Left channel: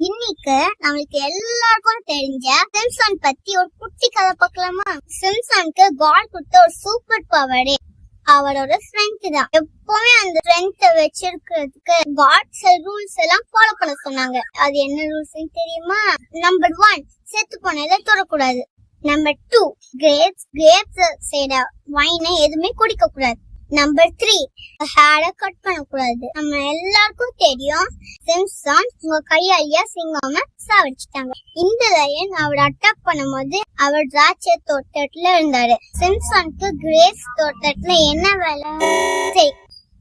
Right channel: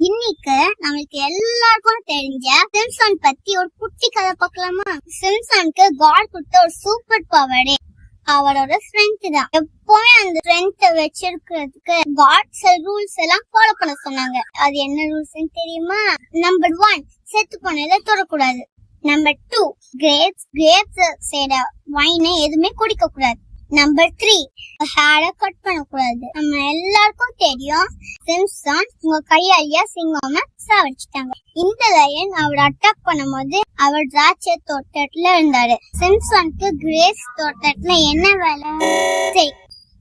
இன்னைக்கு நம்மளுக்கு எல்லாருக்கும் தெரிஞ்ச சிம்சன் பத்தி ஒரு குட்டி கதை பார்க்கலாமா? சிம்சனுக்கு காட் கொடுத்த ஒரு சூப்பர் பவரே அவரோட ஸ்ட்ரென்த் தான். எப்பவுமே அந்த ஸ்ட்ரென்த் வச்சிருக்கிறதுக்கு காட் ரூல்ஸ் எல்லாம் ஃபாலோ பண்ண சொன்னாங்க. அது என்ன ரூல்ஸ் தெரியுமா? நம்பர் 1, செத்து போனதை தொடக்கூடாது. நம்பர் 2, கிரேப்ஸ் செய்யற வைனை எதுவுமே குடிக்க கூடாது. நம்பர் 3, ஹேர கட் பண்ணக்கூடாது. நம்ம எல்லாருக்கும் தெரியும், சிம்சன் உங்க கையாலியா சிங்கம சாவடிச்சிட்டாங்க. இந்த லயன் அவர் அட்டாக் பண்ணும்போது அவர் திராட்சை தோட்டத்துல இருந்தாரு. சிம்சனுக்கு கிரேப்ஸ் தோட்டத்துல என்ன வேலை? சரி,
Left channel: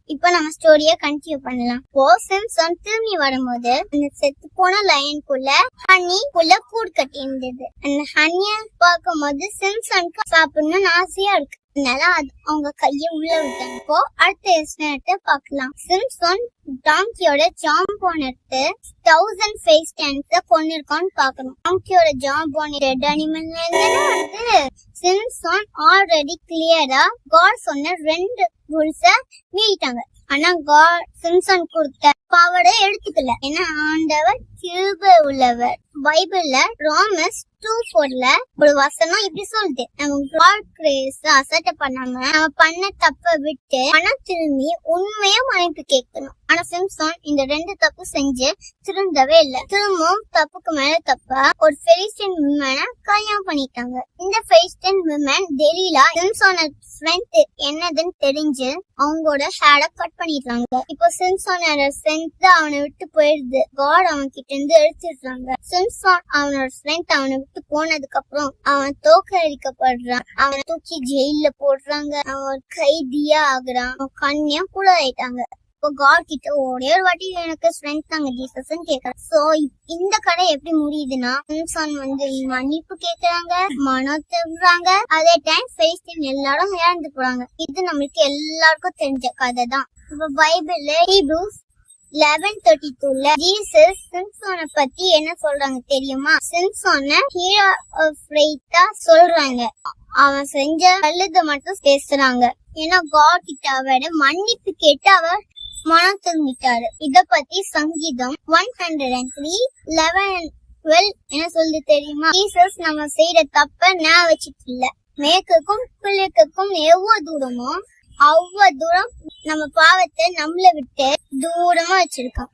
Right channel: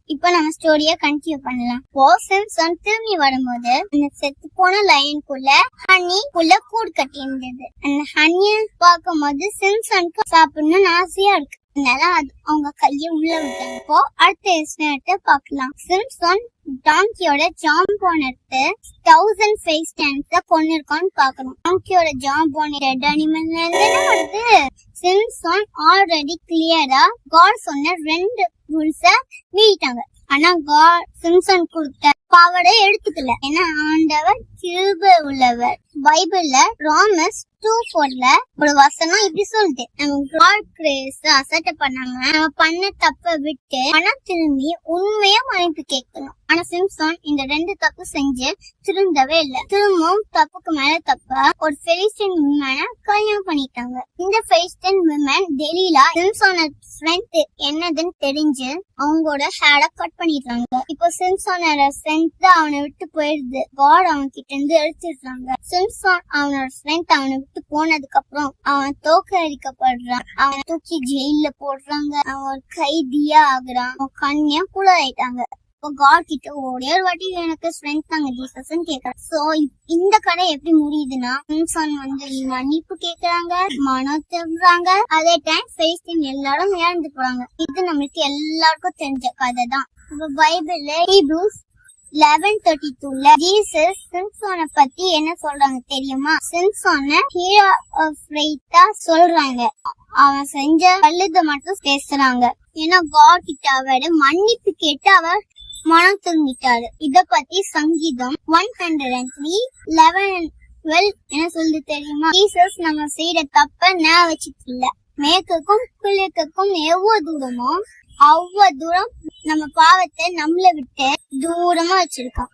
இப்ப நம்ம ஸ்டோரிய கண்டினியூ பண்ணலாம். சிம்சன் திரும்பி வரும்போது அந்த செத்து போன லயனுக்குள்ள ஹனிக்குள்ள கூடு கட்டி இருந்தது. அந்த ஹனிய பார்க்கும் போது சிம்சனுக்கு சாப்பிடணும்னு ஆசையா இருக்கு. அதனால அவங்க கைய உள்ள விட்டாங்க. அடுத்த பாக்கலாம். சிம்சன் டாங்கியோட ஜாம்போன் எடுத்து 1000 ஃபேஸ் டான்ஸ கொண்டிருக்கான்னு பாக்கணும். டாங்கியோட ஜாம்போன் ரெட் அனிமல்ல இருந்து சிம்சன் ஆல்ரெடி கிளியரா காட் சொன்ன 2 ரூல்ஸ மீறிட்டாங்க. ஆனா காட் சிம்சன் கொடுத்த பவரை எடுத்துக்கல. ஏன்னா ஆண்டவர் கிருபை உள்ளவர். பைபிள்ல ரோமன்ஸ் 2:4 ஒரு வசனம் இப்படி சொல்லுது, நம்ம காட் கிரேஸ் அசட்டை பண்ணாம நம்ம பண்ண தப்ப விட்டு மனம் திரும்பி உண்மையா மன்னிப்பு கேட்கணும். ஆனா சிம்சன் இந்த 2 தப்பு செஞ்சு திருந்தவே இல்ல. திரும்பவும் தப்புக்கு மேல தப்பா ஒரு பெலிஸ்டியன் விமனை கல்யாணம் பண்ணிட்டாங்க. இந்த பெலிஸ்டியன் விமன் டெலிலா சிம்சனோட ஸ்ட்ரென்த் என்னதுன்னு தெரிஞ்சு அவங்களோட ஹேர கட் பண்ணிடுறாங்க. இப்போ சிம்சனோட ஸ்ட்ரென்த் அவனை விட்டு போயிடுது. காட் அவன் கிட்ட இருந்து எடுத்துடுறாங்க. சிம்சன் அவனோட ஸ்ட்ரென்த் அவனை விட்டு போனதுக்கு அப்புறம் அவன் தோக்கடிக்கப்படுறான். அவனை தூக்கி ஜெயில போடுறாங்க. அவன் ஒரு கைதியா ஆகுறான். அவன் கண்ணியா கூட ஆயிட்டாங்க. காட் கிட்ட ஒரே ஒரு வாட்டி எனக்கு ஸ்ட்ரென்த் தாங்க ஜீசஸ் கேக்குறாங்க. சோ இந்த கதை எப்படி முடியுதுன்னா, சிம்சன் மன்னிப்பு கேக்குறாங்க, மனம் திரும்புறாங்க. அதே டைம் பெலிஸ்டியன் எல்லாரும் இறந்து போறாங்க. இது நம்மளுக்கு எல்லாருக்கும் தெரிஞ்ச கதை தான். இப்ப பைபிள்ல ஹீப்ரூஸ் 11:32 ஜீசஸ் சிம்சனை பத்தி என்ன சொல்றாங்க தெரியுமா? சிம்சனை ஹீரோ ஆஃப் ஃபெய்த்தா சொல்றாங்க. அவன் செஞ்ச நல்லது மட்டும் பேசுறாங்க. ஏன்னா காட் கிட்ட அவரை மன்னிப்பு கேட்டு அவர் மனம் திரும்பிட்டாரு. இத பத்தி சங்கீதம் 103:11-12 என்ன சொல்லுது தெரியுமா? ஜீசஸ் நம்ம செய்யற தப்ப நான் வச்சுட்டு இல்ல, மேற்குக்கும் கிழக்குக்கும் எவ்வளவு தூரமோ அவ்வளவு தூரம் நம்ம பாவத்தை நம்மள விட்டு தூரமா வச்சிருக்கோம்.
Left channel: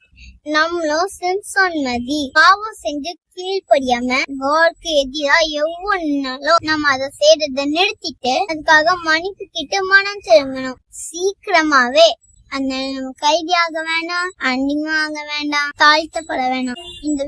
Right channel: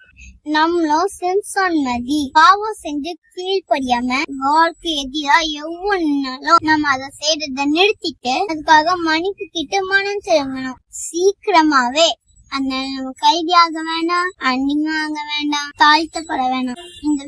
நம்மளும் சிம்சன் மாதிரி பாவம் செஞ்சு கீழ்படியாம காட்க்கு எதிரா எவ்வளவு நம்ம அதை செய்யறத நிறுத்திட்டு அதுக்காக மன்னிப்பு கிட்ட மனம் திரும்பணும் சீக்கிரமாவே. அதனால நம்ம கைதியாக வேண்டாம், அந்நியமாக வேண்டாம், தாழ்த்தப்பட வேண்டாம். இந்த